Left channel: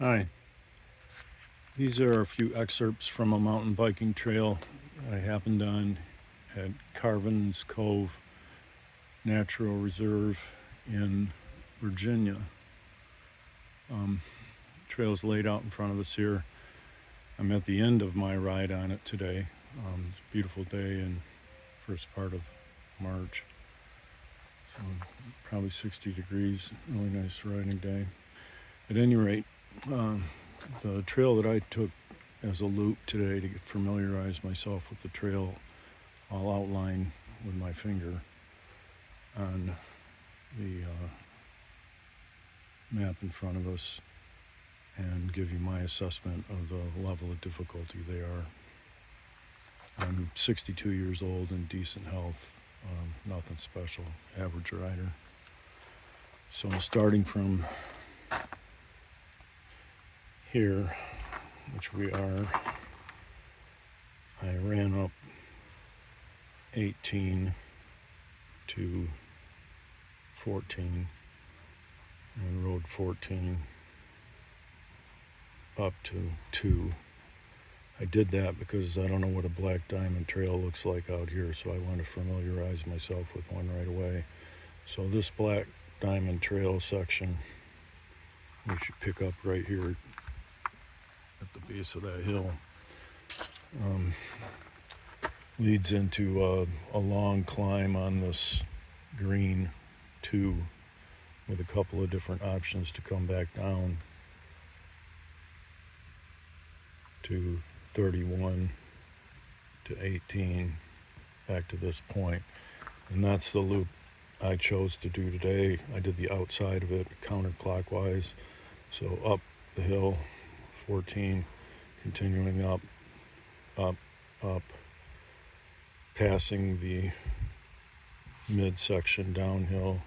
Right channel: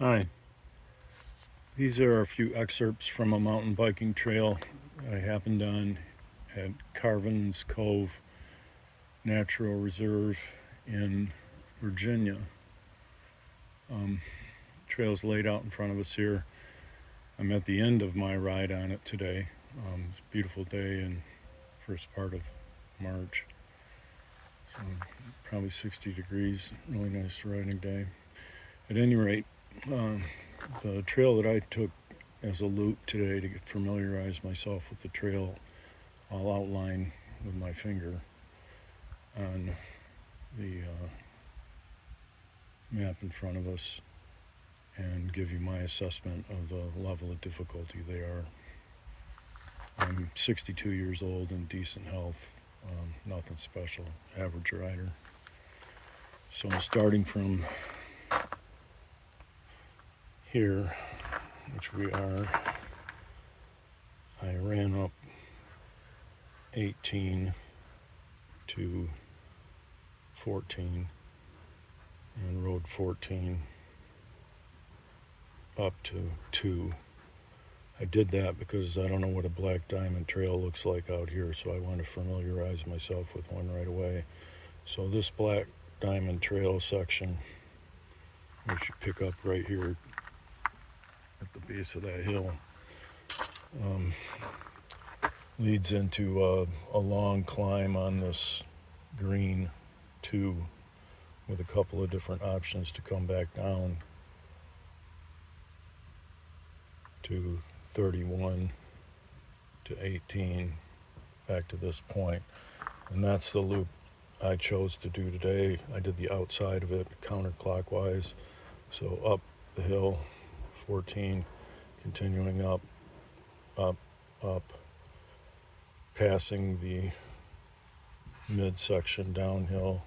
Hi, these are a few excerpts from a mountain biking trail I happened on at Carvins Cove Natural Reserve in Virginia. Trail's laid out in front of us here. I'm at the end of my ride on it today. It's a beautiful day in first part of March. So probably 60 degrees, really nice riding day. At any rate, the trail that I took as a loop today to familiarize myself with the trail, I'll outline with my finger on the map in front of us and give you my assessment of the level of difficulty they are. I'm 62 years old in decent health, nothing special, average rider. So I'm starting from here, which we are. I ran up 18 to 14 and rode 14 up to 2. I did that because I don't know what a black diamond trail looks like out here, so I want to familiarize myself with one right away. So this black diamond trail section, which you pick up right here at the base of that hill, leads into a long climb on this green 2 with a couple of different options to come back down to 31 to 18 back to this point. And that's the loop I chose to do today. I did the outside of it counterclockwise, so up the hill 14, continuing up, passing the midsection downhill,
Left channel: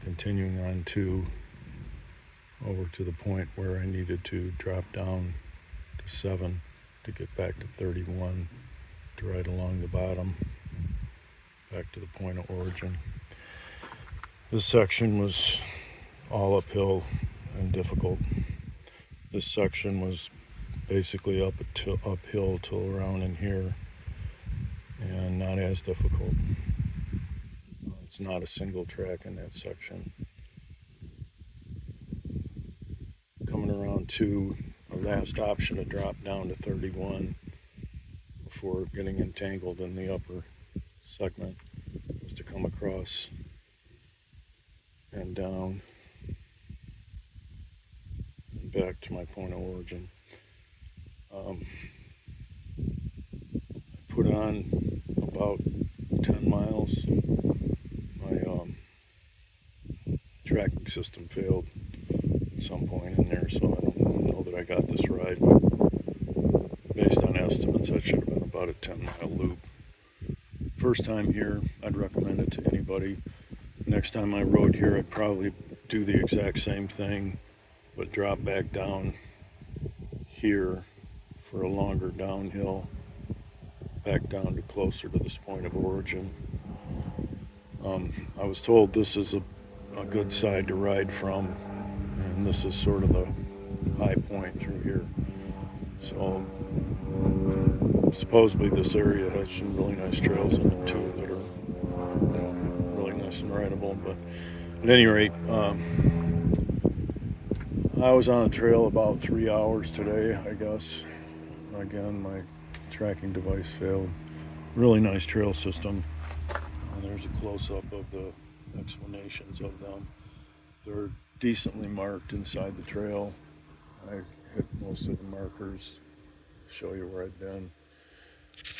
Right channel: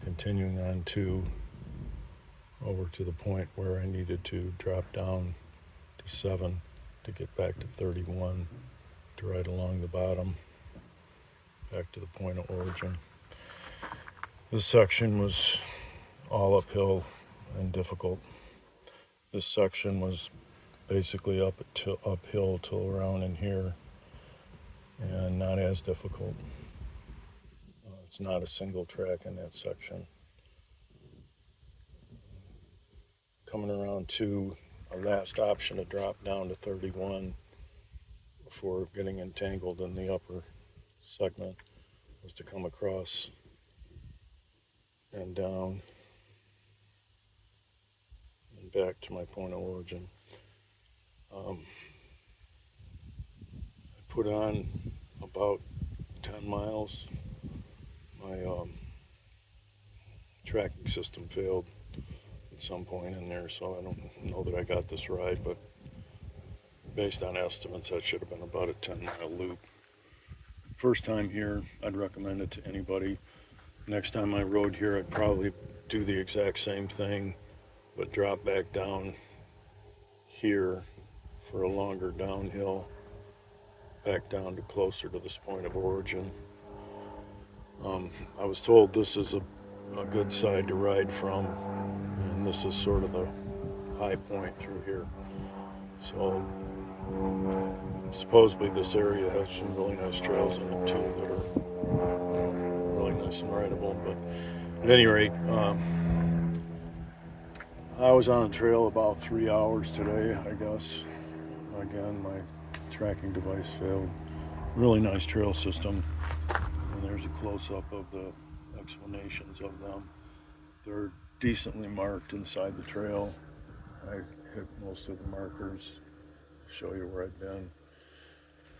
continuing on 2 over to the point where I needed to drop down to 7 to get back to 31 to ride along the bottom back to the point of origin. This section was all uphill and difficult. This section was basically uphill till around in here and not as difficult. It's not a single track in that section. Coming around to a last option to drop down to 31 before getting entangled in the upper segment was to come across and down and back to my point of origin. I put on about 10 miles. My tracking system failed at some point in there, so I don't know that I got this right, but based on estimates, that should have been about a 10-mile loop. First time here, I'd recommend it to anybody. Next time I rode here, I'd probably do the exact same thing, but drop back down here for a longer downhill, back down to closer to this point of origin. I was told this is a good side to ride from, and this is sort of the high point through here. So supposedly this area has some really nice trails in it too that are really nice and rideable. But at any rate, I was on a trail about 3 hours today, I guess. Again, my tracking device failed. Really nice trail system, and there's a close-up of the explanations of them. They're decently marked inside the trail. I hit most of the markers, show you where I've been.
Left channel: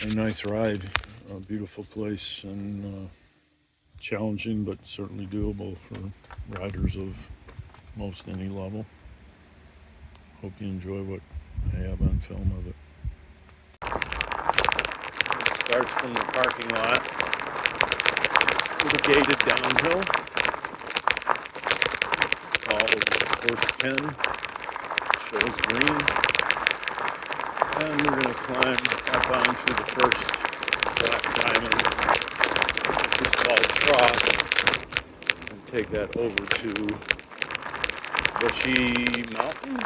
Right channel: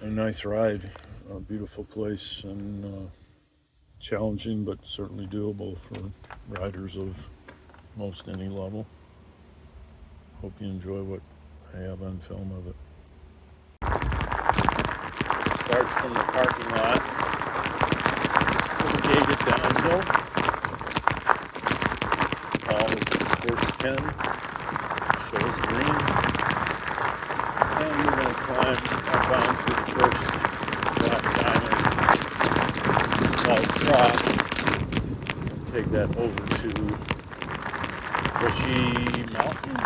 A nice ride, a beautiful place, and challenging but certainly doable for riders of most any level. Hope you enjoy what I have on film of it. It starts from the parking lot with a gated downhill. All is the first 10, shows green. And we're going to climb up onto the first black diamond, which is called Cross, and take that over to Bushey Mountain.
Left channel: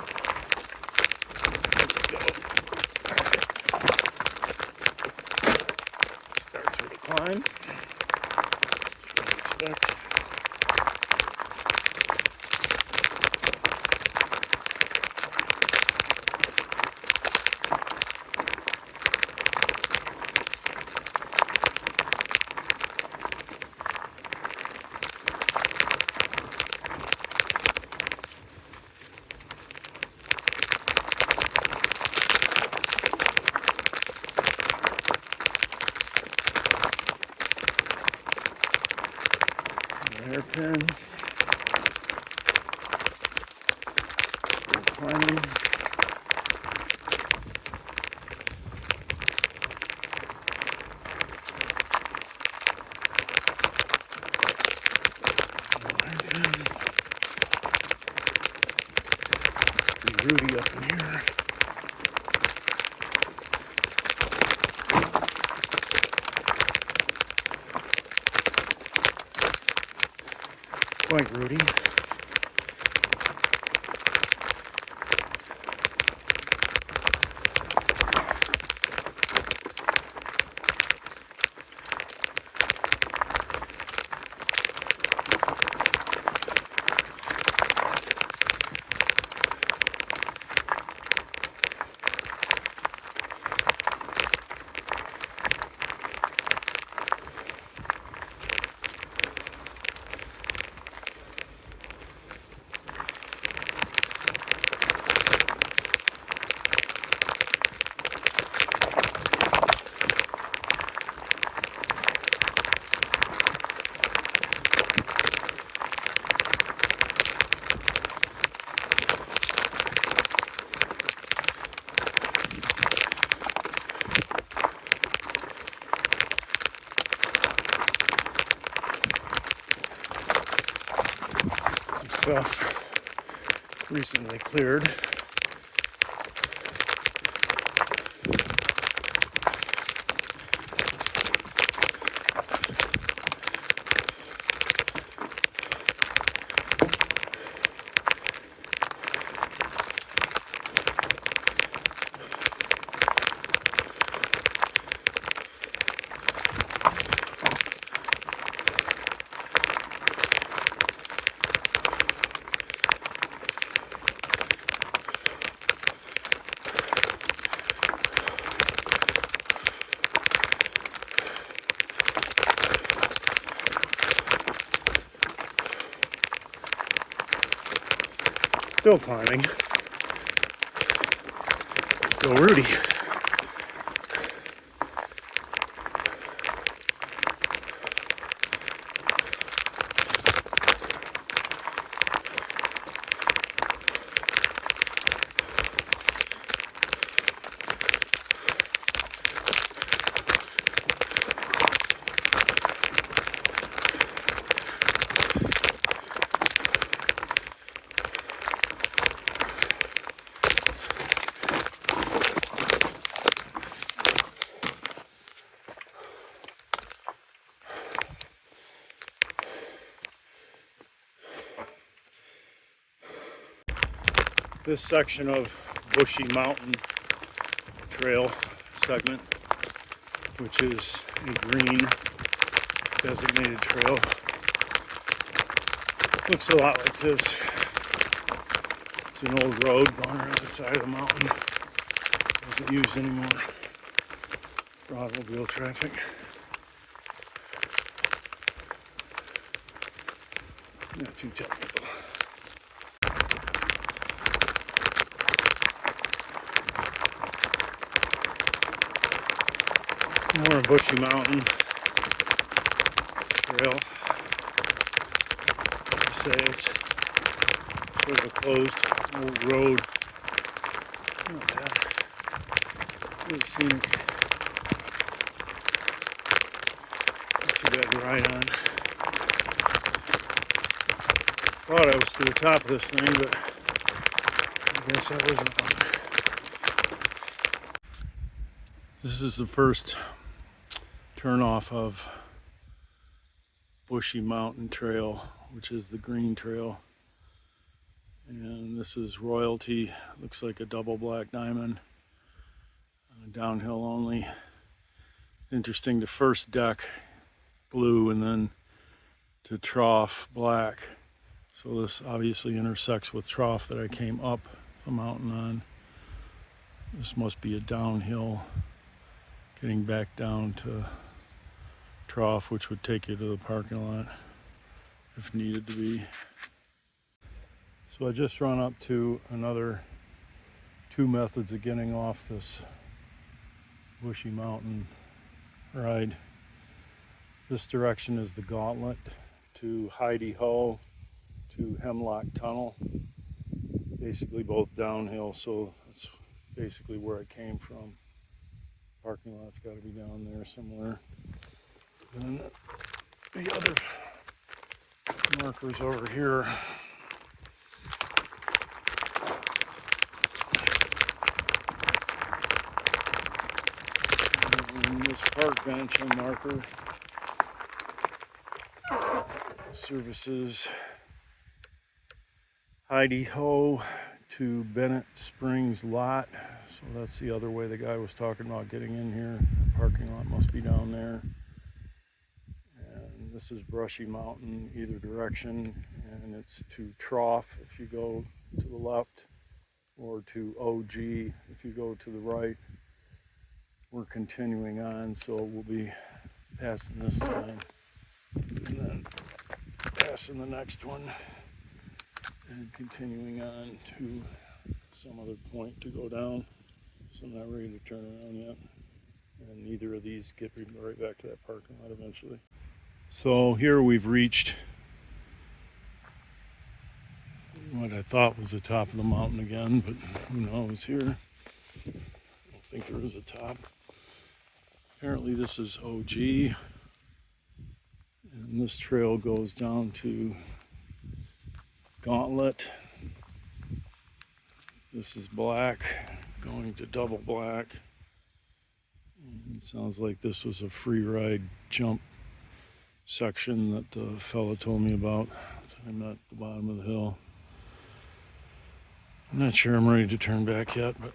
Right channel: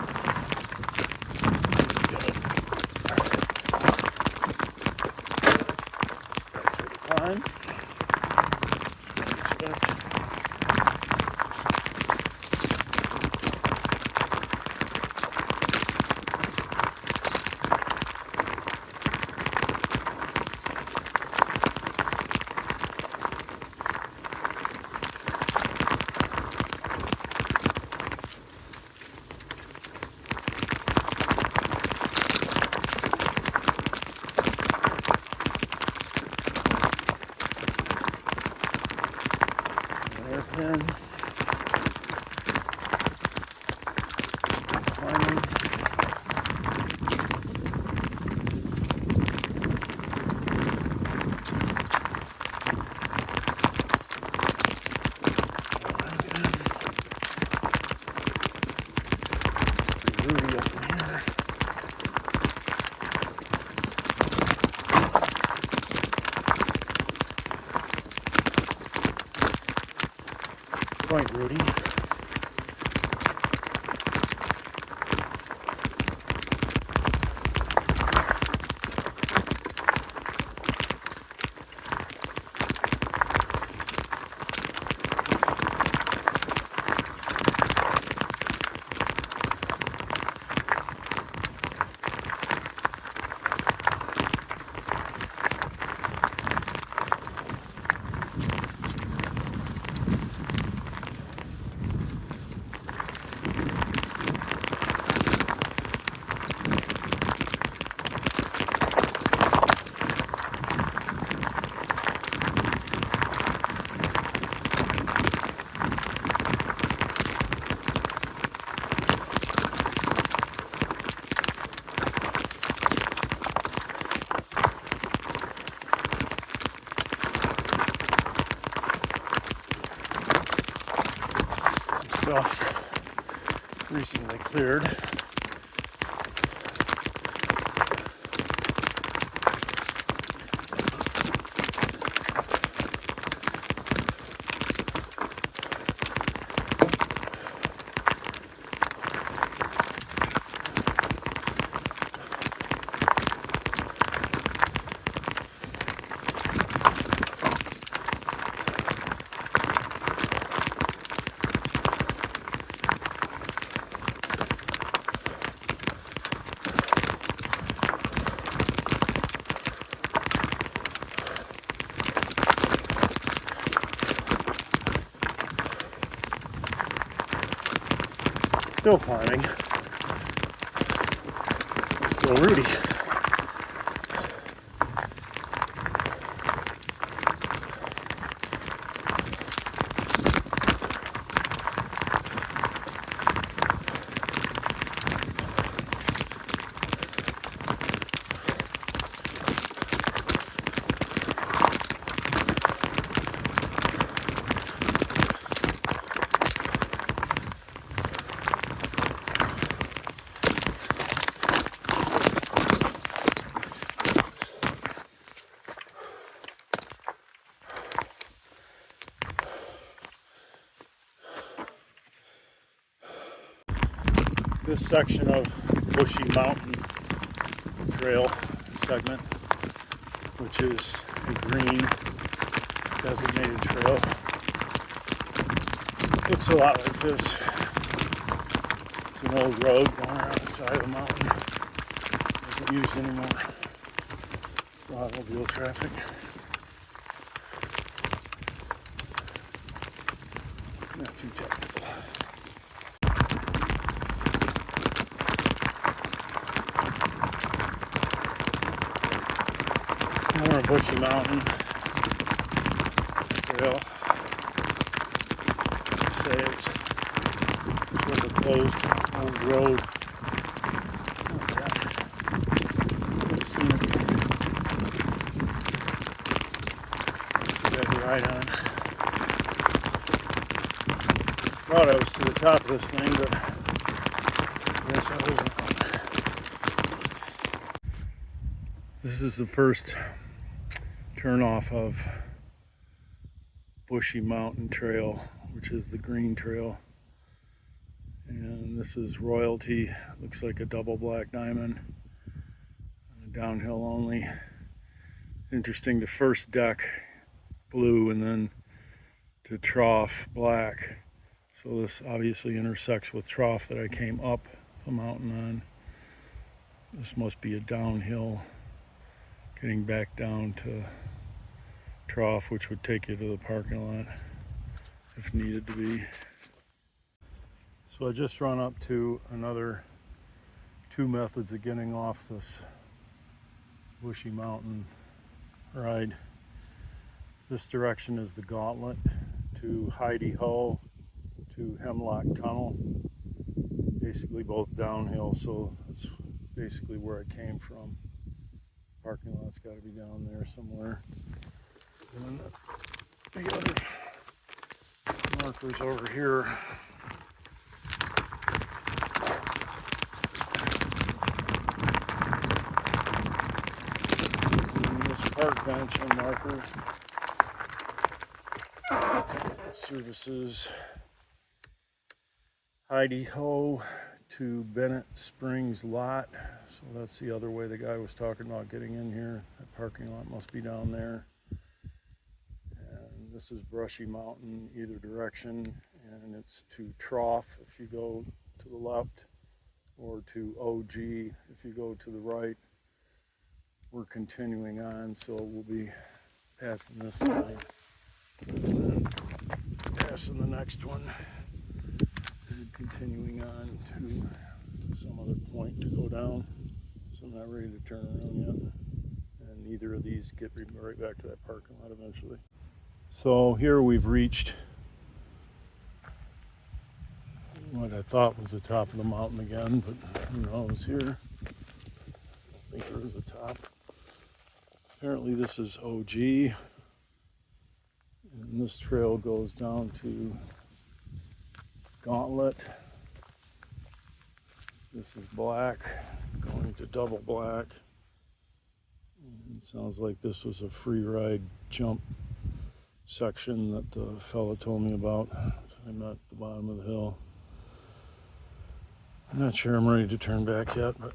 climbing. Rudy up in here. Quite Rudy. Stuff recently cleared. Still climbing. Still Rudy. This section of Bushey Mountain trail segment, which is a green designated trail, looks a lot like this. It's an old road going around the side of the mountain. Isn't used anymore for automobile traffic. Not too technical. More Bushey Mountain trail. Say it's sort of a closed old road. Not that. Let's see. Too bad to ride on. Thought I was to the top of this thing, but I guess I wasn't. This is the first turnoff of Bushey Mountain Trail, which is the green trail. And this is Royalty. Looks like a double black diamond. Downhill only. Interesting, the first deck blue and then to trough black. So this obviously intersects with trough that I came up the mountain on. This must be a downhill getting back down to trough, which would take you to the parking lot if needed to be. So I just run up to another two methods of getting off this Bushey Mountain ride. This direction is the Gauntlet to Heidi Ho to Hemlock Tunnel. basically both downhill, so that's basically where I came from. Parking lot's got to be down there somewhere. And the other markers over here. And this park bench and marker services Heidi Ho to Bennet Springs lot. So that's the other way the guy was talking about getting in here. The parking lot must be down there. And this is Bushey Mountain either direction, and it's to Trough if you go to the left, or to OG if you go to the right. We're continuing on, so we'll be passing this sign and then passing the next one and continuing on to some other point to go down. So I'm not ready to turn around yet, and neither of these get me right back to that parking lot eventually. So here we've reached what I thought was the top of the mountain again, but who knows here. I think there is a top. Apparently this is OG, and this trail goes down to Gauntlet. This is black, going to double black. And it sounds like this was a free ride jump section that the fella told me about. I'm at the bottom of the hill. I'm not sure I'm ready to turn back yet, but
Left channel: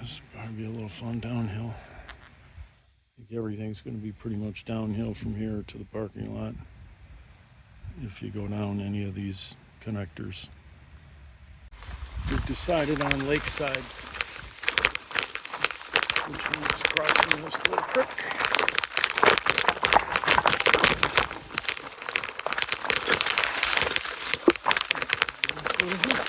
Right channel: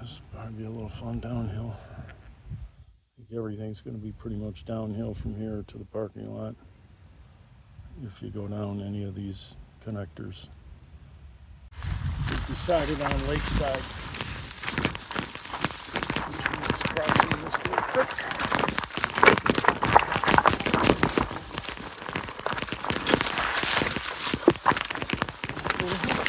this will probably be a little fun downhill. I think everything's going to be pretty much downhill from here to the parking lot if you go down any of these connectors. We've decided on Lakeside, which means crossing this little creek. This little hill.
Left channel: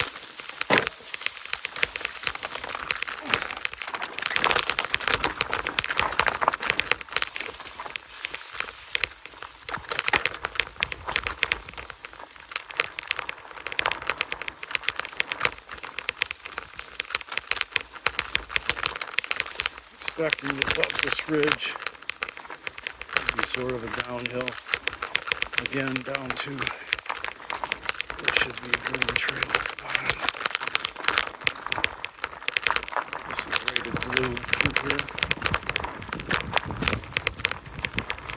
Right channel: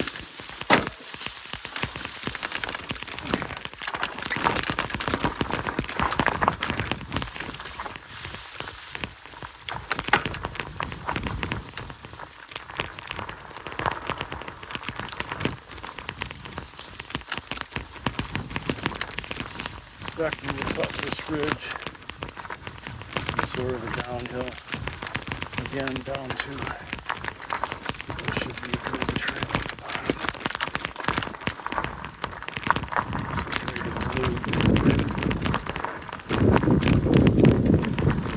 Expecting to cut this ridge be sort of a downhill again down to there should be a green trail at the bottom. Separated blue.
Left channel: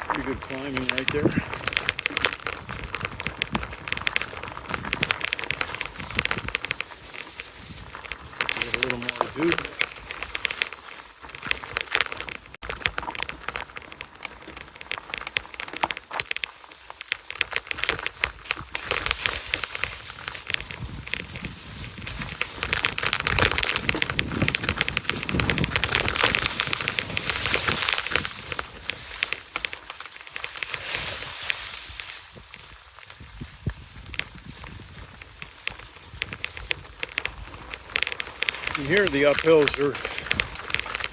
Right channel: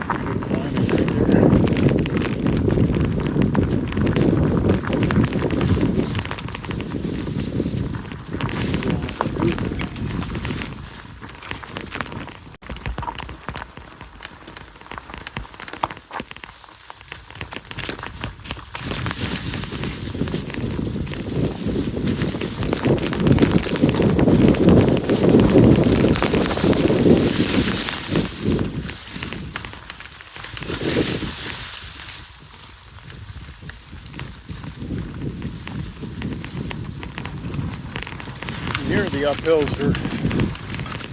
Pretty good climbing right there. A little more loop. Here the uphills are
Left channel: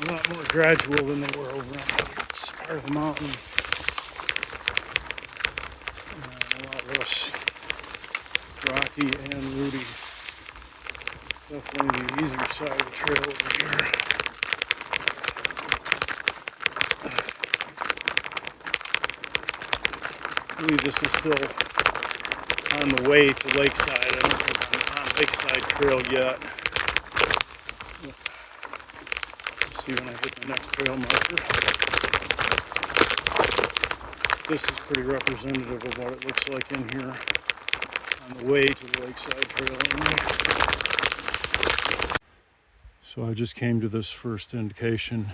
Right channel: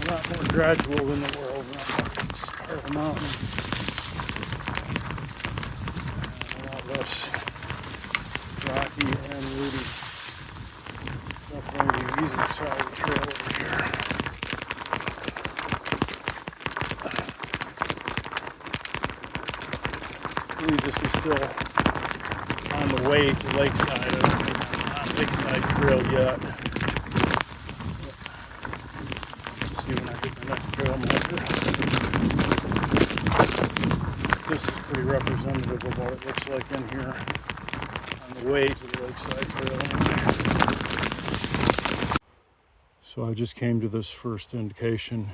a lot more gradual than they were over on this part of the mountain. And a lot less rocky and woody. Definitely the easier side of the trail over here. I believe this is still on the way to Lakeside. I don't think I'm on Lakeside Trail yet. See when I hit the next trail marker. This is pretty representative of what it looks like in here on the way to the Lakeside Trail. So I just came to this first indication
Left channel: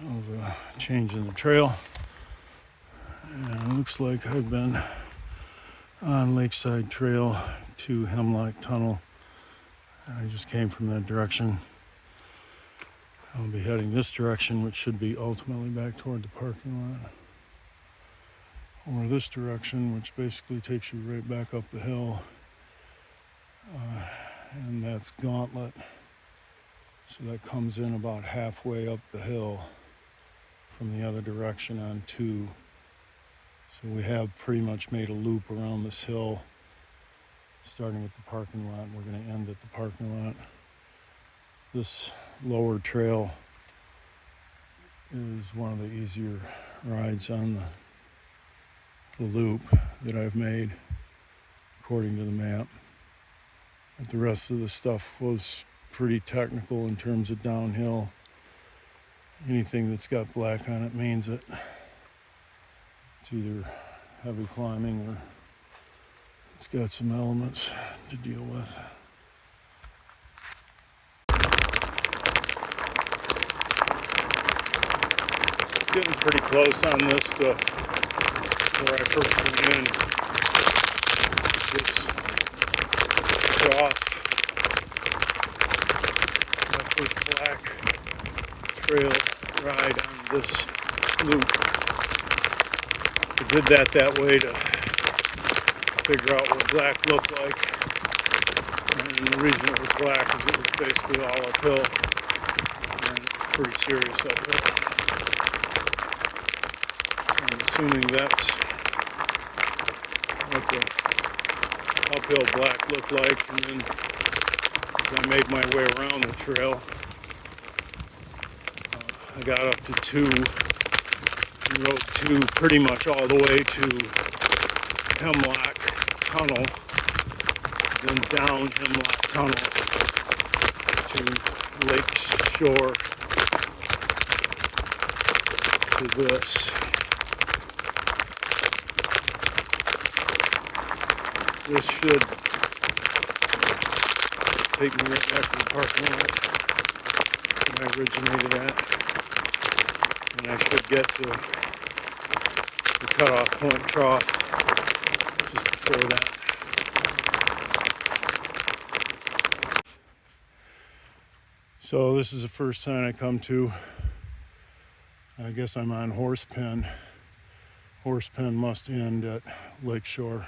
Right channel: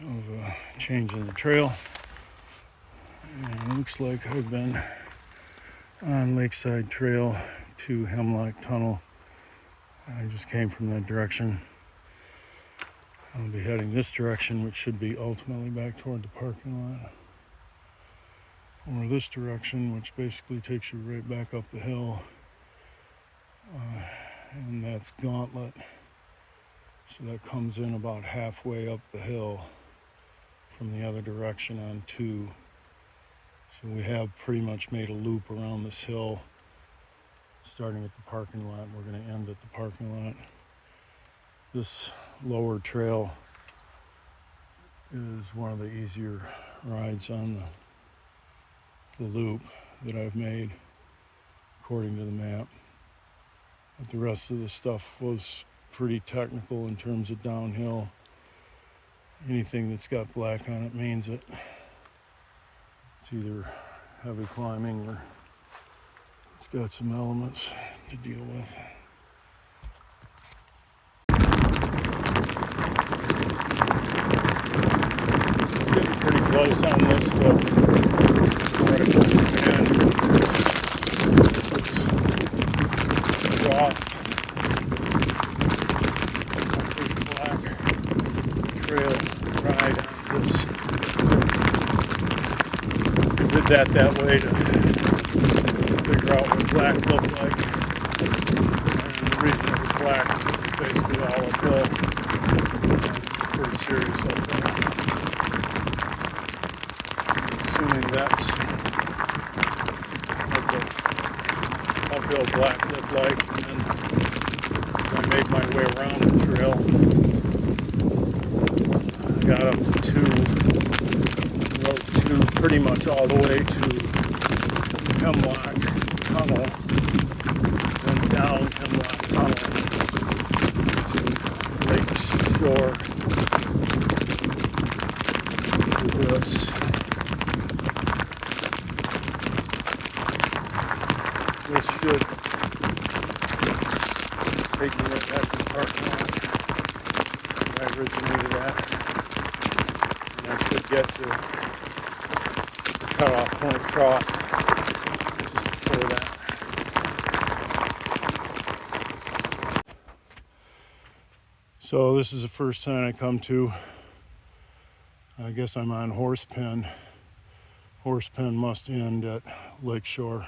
of a change in the trail. And it looks like I've been on Lakeside Trail to Hemlock Tunnel. I just came from that direction. I'll be heading this direction, which should be ultimately back toward the parking lot. Or this direction, which basically takes you right back up the hill. And that's Gauntlet. So that comes in about halfway up the hill from the other direction on 2. So we have pretty much made a loop around this hill. starting at the parking lot. We're going to end at the parking lot. This lower trail is one of the easier rides on the loop that I've made according to the map. But the rest of the stuff was pretty technical in terms of downhill. Anything that's got black on it means it. It's either heavy climbing or it's got some elements to deal with. Getting pretty close on this to where I first began. It's rough. My first black trail ride on this loop. I did that way to figure out what black looked like. And the reason it was black is it was basically all uphill. Pretty serious uphill. Assuming that's what the uphill black looked like, and then as I made my way around the trail, I got up to 2, and rode 2 pretty much all the way to Hemlock Tunnel, then down Hemlock Tunnel to Lake Shore to this. This should take me right back to the parking lot where I originated at. And I should get to the cutoff point trough just before that. So this is the first sign I come to. I guess I'm on Horsepen. Horsepen must end at Lakeshore.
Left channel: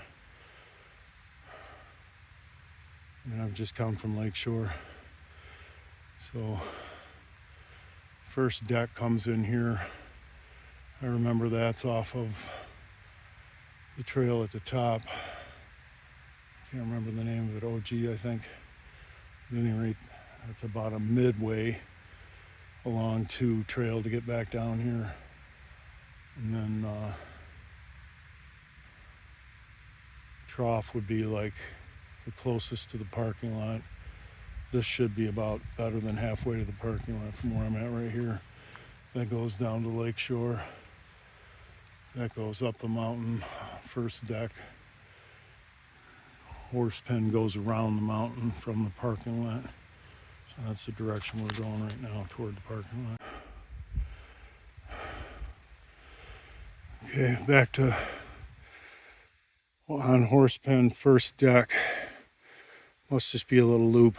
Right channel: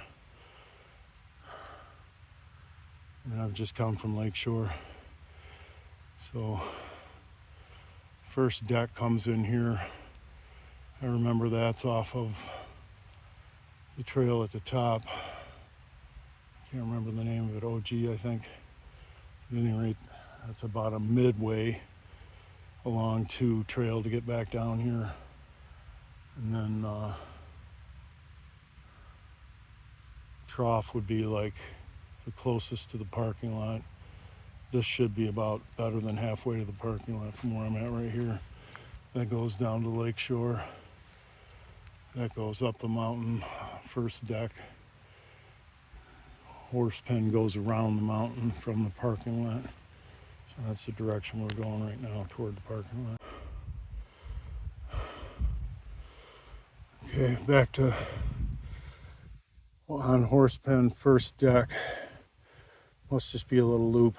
And I've just come from Lakeshore. So first deck comes in here. I remember that's off of the trail at the top. Can't remember the name of it, OG I think. At any rate, that's about a midway along to trail to get back down here. And then trough would be like the closest to the parking lot. This should be about better than halfway to the parking lot from where I'm at right here. That goes down to Lakeshore. That goes up the mountain, first deck. Horsepen goes around the mountain from the parking lot. So that's the direction we're going right now, toward the parking lot. Okay, back to on Horsepen, first deck. Must just be a little loop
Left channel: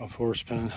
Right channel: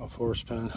of Horsepen.